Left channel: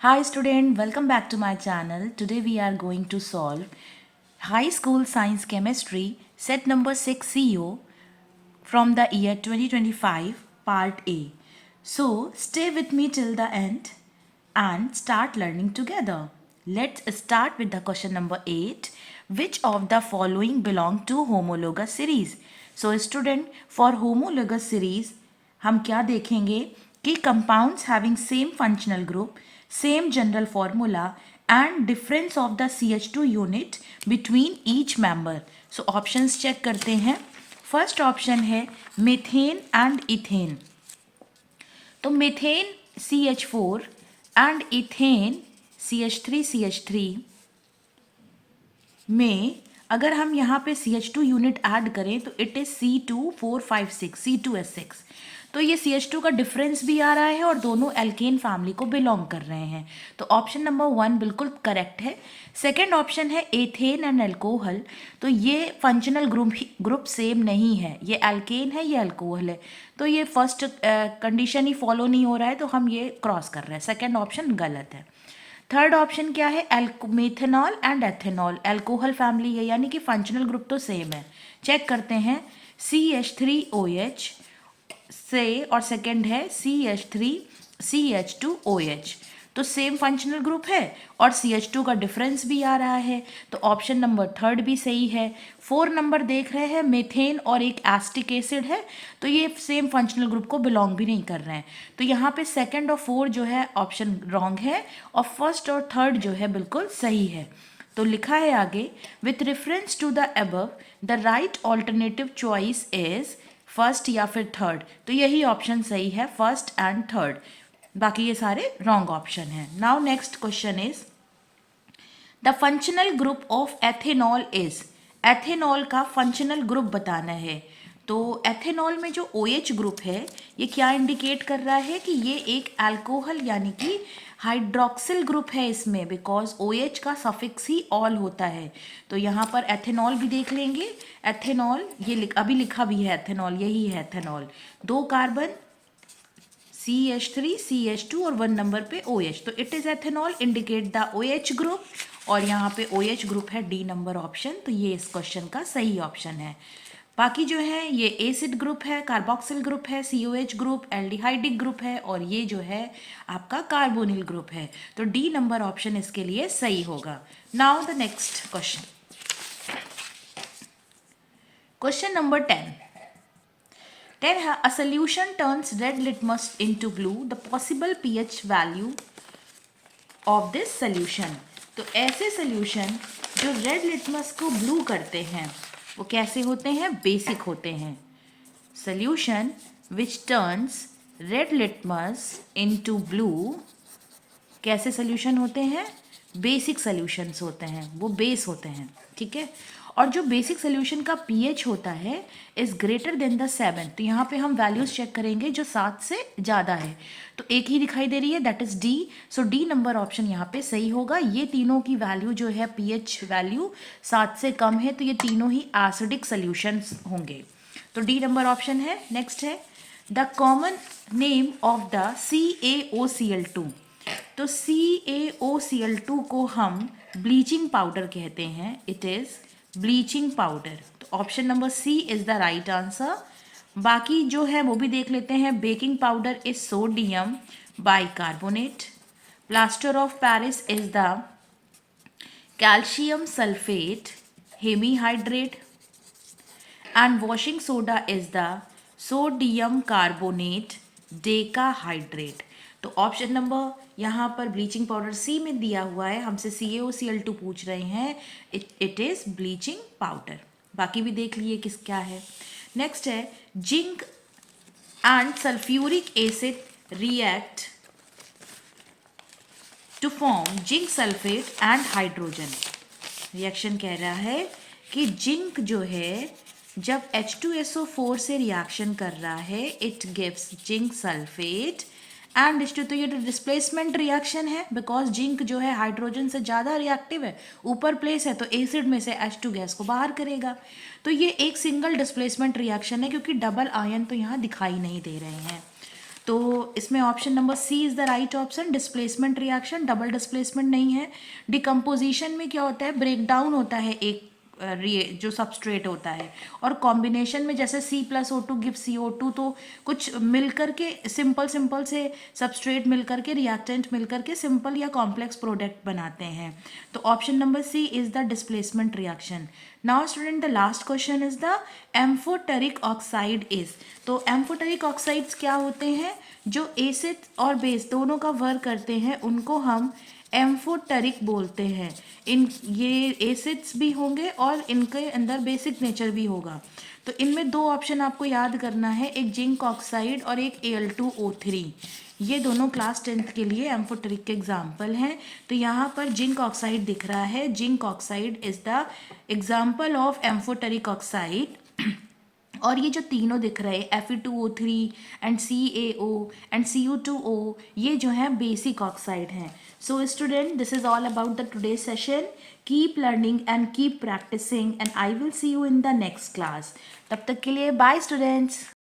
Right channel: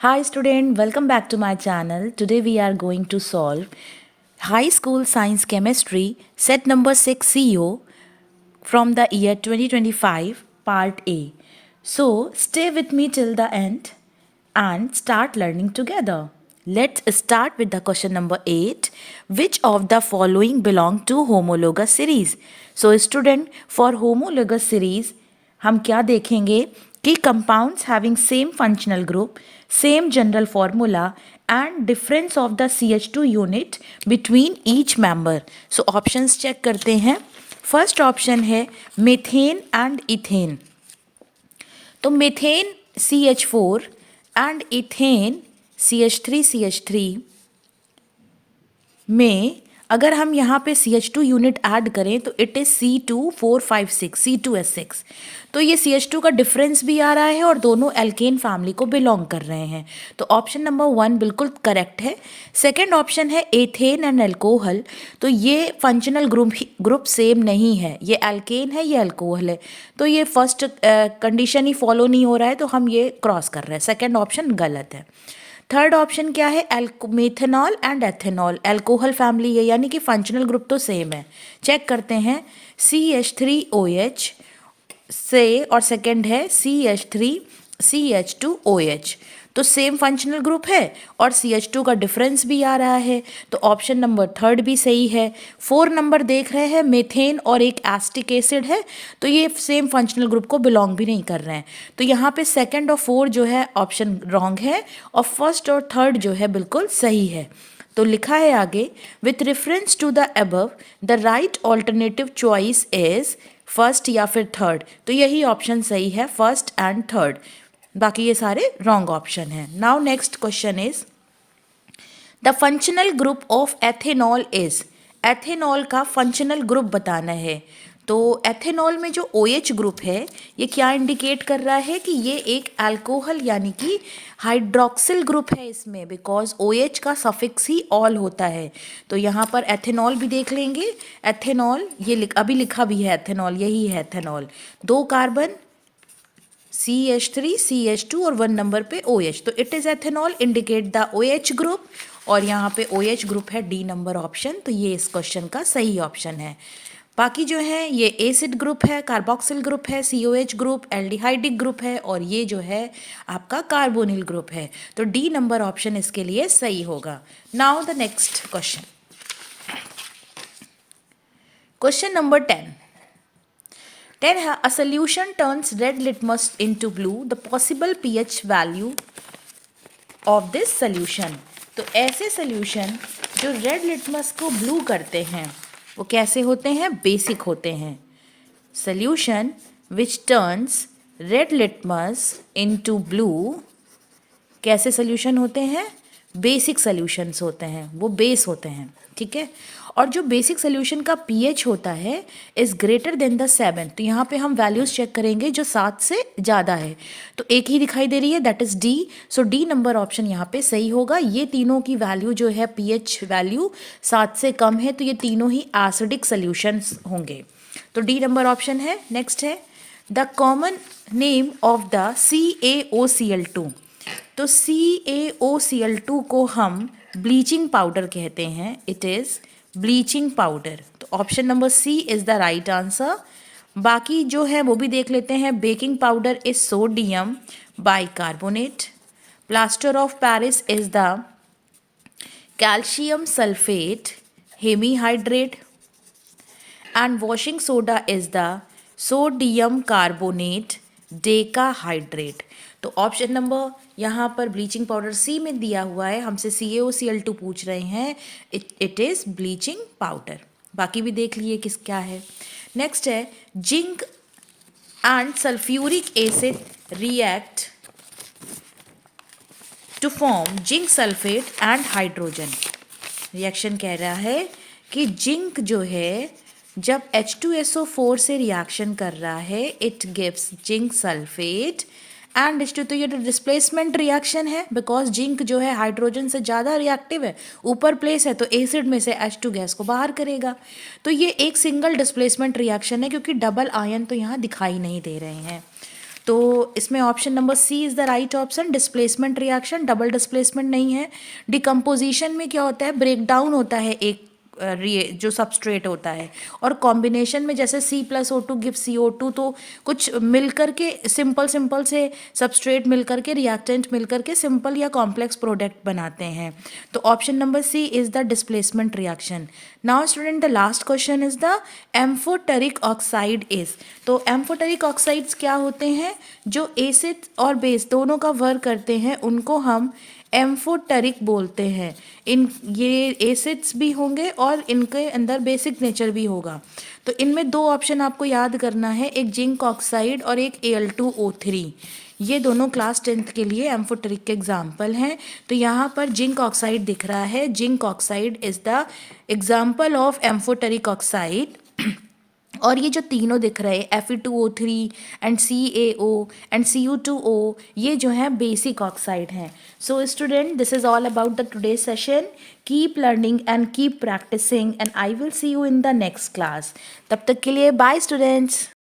Hi student, welcome back to my channel. Today we are going to solve High School Science Chemistry set number 6 CO from the year 2025 part A. So stay with me till the end and start learning together. Let's start with the question number 8. Which of the following belong to homologous series? So student, for homologous series हम क्या देखेंगे कि compounds having same functional group, same general formula and difference of the CH2 unit between each member. So options check करते हैं. First option है methane and ethane. तो methane CH4 and ethane CH3 में अगर हम यहाँ पे CH2 यूनिट ऐड करें तो इट इज़ C2456 C2S6. तो ये CH2 का डिफरेंस भी आ रहा है और दोनों एल्केन फैमिली को बिलोंग कर रहे हैं. तो ऑप्शन नंबर 1 बिल्कुल करेक्ट है. सेकंड ऑप्शन है एथेन एंड अल्कोहल. तो ये फंक्शनल ग्रुप सेम नहीं है, ये एल्केन है, ये अल्कोहल है. तो ये फर्स्ट कंडीशन ही फॉलो नहीं हो रहा है, तो हम ये क्रॉस कर रहे हैं. सेकेंड ऑप्शन गलत है. थर्ड ऑप्शन क्या है? Methanol and ethanol, alcohol family है, यानी कि फंक्शनल ग्रुप तो सेम है. चेक करते हैं. CH3OH से और सेकंड है CH3CH2OH. तो सेम फंक्शनल ग्रुप है और CH2 का डिफरेंस भी आ रहा है. तो ऑप्शन नंबर थर्ड भी सही है. 4 नंबर देख रहे हैं, मेथेन और एक एस्टिक एसिड है, तो ये सेम फंक्शनल ग्रुप को बिलोंग भी नहीं कर रहे हैं. तो यहाँ पे सेकंड और 4 जो है ऑप्शन रॉन्ग है और फर्स्ट और थर्ड जो है बिल्कुल सही है. तो लिखा है आगे, with reference to the above the right alternative choice is first या फिर थर्ड. तो यही ऑप्शन सही है, फर्स्ट एंड थर्ड. बाकी ये सारे रॉन्ग ऑप्शन हैं. Now next question is the functional group of ethanol is. Ethanol का फंक्शनल ग्रुप बताना है. तो एथेनॉल में जो OH ग्रुप है ये क्या इंडिकेट कर रहा है कि ये एक अल्कोहल यानी कि हाइड्रोक्सिल ग्रुप है इसमें, बिकॉज OH का सफिक्स ही ऑल होता है. तो यहाँ पर एथेनॉल भी देख लेंगे. एथेनॉल ये अभी लिखा भी है, एथेनॉल यही है एथेनॉल. 2 कार्बन CH3 CH2 और 1 नंबर पे OH. तो it is ethanol, indicate the OH group. और यहाँ पे OH ग्रुप है D नंबर ऑप्शन. तो ये इस क्वेश्चन का सही ऑप्शन है. बाकी जो है ये एसिड ग्रुप है, कार्बोक्सिल ग्रुप है, COH ग्रुप, एल्डिहाइडिक ग्रुप है और ये जो है आपका कार्बोनिल ग्रुप है. तो D नंबर ऑप्शन इसके लिए सही होगा. Now the next question. Question number 10. A solution turns red litmus into blue. The possible pH value of this solution. तो ऐसे सॉल्यूशन जो रेड लिटमस को ब्लू करते हैं वो कैसे होते हैं? बेसिक होते हैं. Solution which turns red litmus into blue कैसे सॉल्यूशन होते हैं? बेसिक सॉल्यूशंस होते हैं, वो बेस होते हैं. ठीक है. और जो बेसिक सोल्यूशन का pH होता है इज़ ग्रेटर देन द 7. तो यहाँ पे हम वैल्यूज़ चेक करेंगे जो 7 से ज़्यादा है. तो एक ही दिखाई दे रही है, that is D. So D number option यहाँ पे सही होगा. ये तीनों की वैल्यू जो है pH वैल्यू 7 से कम है, तो ये तीनों ही एसिडिक सोल्यूशंस होंगे. तो D नंबर ऑप्शन है. नेक्स्ट है the common name of the CaOCl2. तो CaOCl2 को हम ब्लीचिंग पाउडर कहते हैं. It is bleaching powder. तो option number C is the right answer. बाकी जो है वो भी देख लेते हैं. Baking powder is sodium bicarbonate. Plaster of Paris is the calcium sulphate hemihydrate. And washing soda is the sodium carbonate decahydrate. तो ऑप्शन नंबर यहाँ पर ब्लीचिंग पाउडर C में दिया हुआ है, हमसे CaOCl2 पूछ रहे हैं. It is bleaching powder. बाकी भी देख लिए किस क्या है. नेक्स्ट है zinc and sulphuric acid react to form zinc sulphate and hydrogen. Reaction कह रहा है कि जिंक जो है जब H2SO4 से रिएक्शन कर रहा है it gives zinc sulphate and H2. तो ये डिस्प्लेसमेंट रिएक्शन है, बिकॉज जिंक जो है हाइड्रोजन से ज़्यादा रिएक्टिव है, ऊपर प्लेस है, तो एसिड में से H2 गैस को बाहर करेगा. तो ये एक सिंगल डिस्प्लेसमेंट रिएक्शन है क्योंकि डबल आयन तो यहाँ दिखाई नहीं दे रहे हैं. तो इसमें option number C is the right option, displacement reaction, double displacement नहीं है। डिकम्पोजिशन में क्या होता है, ब्रेक डाउन होता है एक जो सबस्ट्रेट होता है, और कॉम्बिनेशन में जैसे C+O2 गिव CO2, तो कुछ मिलकर के सिंपल सिंपल से सबस्ट्रेट मिलकर के रिएक्टेंट मिलकर के सिंपल या कॉम्प्लेक्स प्रोडक्ट बनाते हैं। तो option number C is the displacement reaction. Now student, the last question is the amphoteric oxide is. तो एम्फोटेरिक ऑक्साइड्स क्या होते हैं, जो एसिड और बेस दोनों का वर्क करते हैं उनको हम एम्फोटेरिक बोलते हैं। इन ये एसिड्स भी होंगे और इनके अंदर बेसिक नेचर भी होगा। तो इनमें दो ऑप्शन आपको याद करना है, एक जिंक ऑक्साइड और एक Al2O3। ये दोनों क्लास 10th के लिए एम्फोटेरिक के एग्जाम्पल हैं। तो यहाँ पर जिंक ऑक्साइड दिख रहा है, zinc oxide is the example of amphoteric oxide. और ये जो तीनों दिख रहे हैं Fe2O3 and CaO and Cu2O, ये जो है बेसिक ऑक्साइड हैं। So student, this is all about the today session. Keep learning and keep practising and I will see you in the next class. तब तक के लिए बाय स्टूडेंट्स।